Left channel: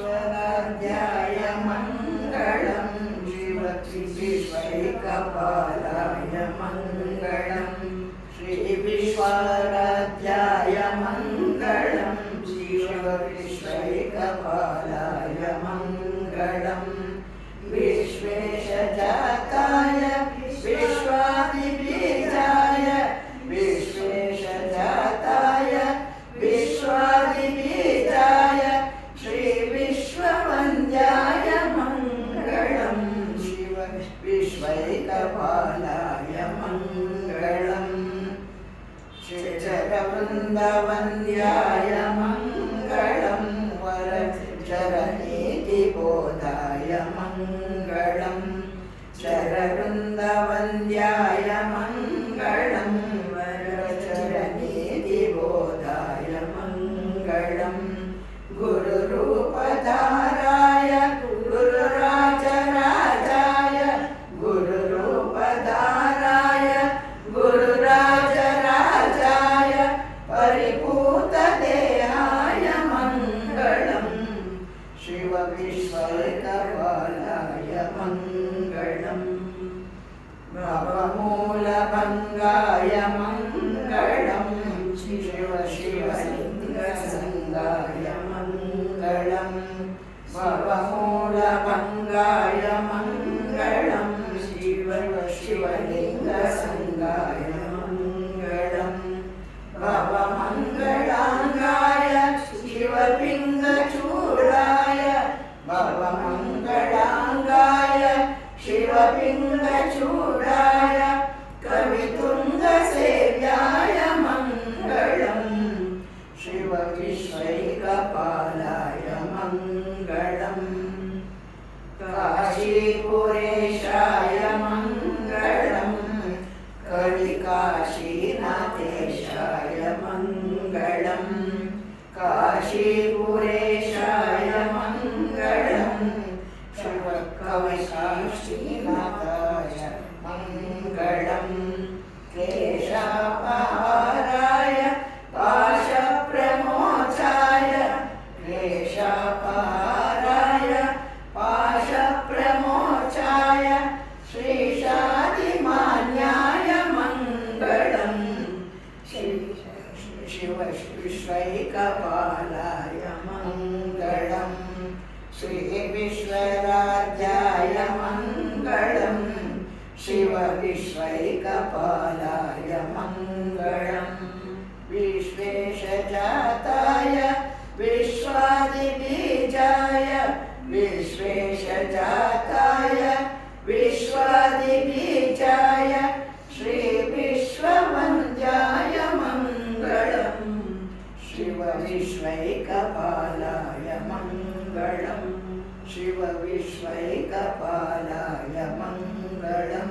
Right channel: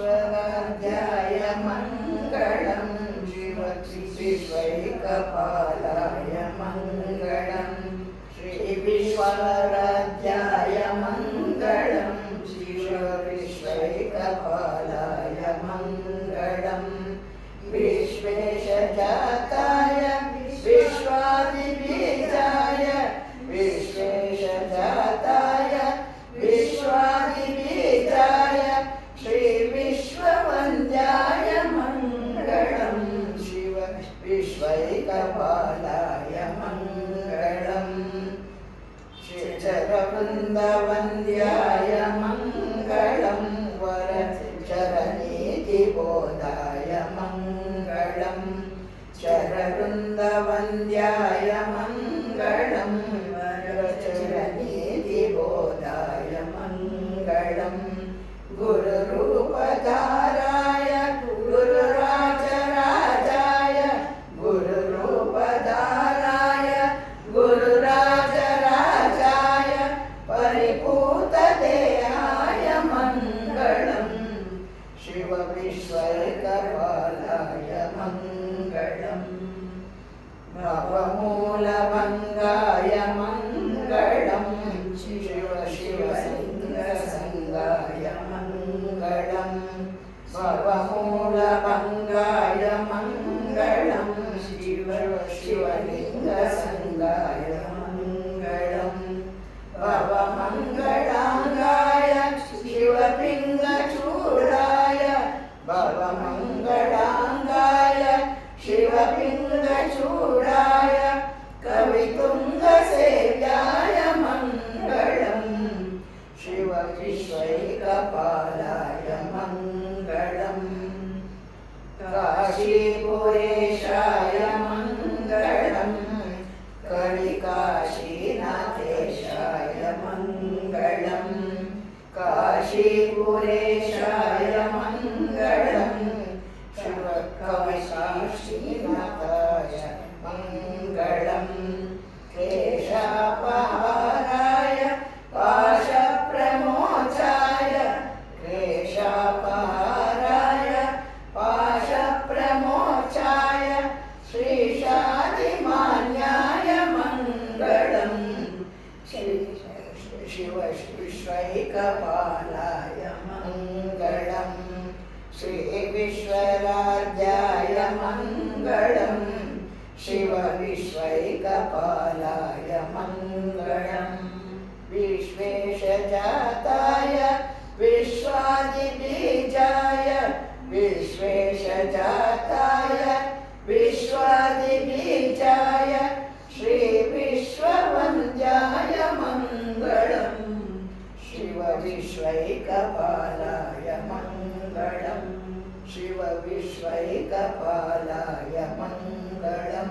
विश्वराध्याय मङ्गलं शिव विश्वैकपालाय मङ्गलं श्री विश्वराध्याय मङ्गलं शिव विश्वैकपालाय मङ्गलं विश्वेशजाताय विश्वादिबीजाय विश्वेशजाताय विश्वादिबीजाय श्री विश्ववन्द्याय मङ्गलं शिव विश्वैकपालाय मङ्गलं चरवृन्दवन्द्याय मङ्गलं वरचरनीतिबोधाय मङ्गलं चरवृन्दवन्द्याय मङ्गलं वरचरनीतिबोधाय मङ्गलं गुरुरूपधाराय गुरुराजराजाय गुरुरूपधाराय गुरुराजराजाय परिपूतदेहाय मङ्गलं शिव विश्वैकपालाय मङ्गलं भवमूलभङ्गाय मङ्गलं शिव शिवलिङ्गसङ्गाय मङ्गलं भवमूलभङ्गाय मङ्गलं शिव शिवलिङ्गसङ्गाय मङ्गलं भवमङ्गलाङ्गाय शिवपिङ्गचूडाय भवमङ्गलाङ्गाय शिवपिङ्गचूडाय कवितुङ्गसेव्याय मङ्गलं शिव विश्वैकपालाय मङ्गलं काशीपुरेशाय मङ्गलं कविकाशीनाथेशाय मङ्गलं काशीपुरेशाय मङ्गलं शिव कविकाशीनाथाय मङ्गलं क्लेशापहाराय पाशप्रमोचाय क्लेशापहाराय पाशप्रमोचाय श्रीशादिमान्याय मङ्गलं शिव विश्वैकपालाय मङ्गलं श्री विश्वराध्याय मङ्गलं शिव विश्वैकपालाय मङ्गलं विश्वेशजाताय विश्वादिबीजाय विश्वेशजाताय विश्वादिबीजाय श्री विश्ववन्द्याय मङ्गलं शिव विश्वैकपालाय मङ्गलं शिव विश्वैकपालाय मङ्गलं।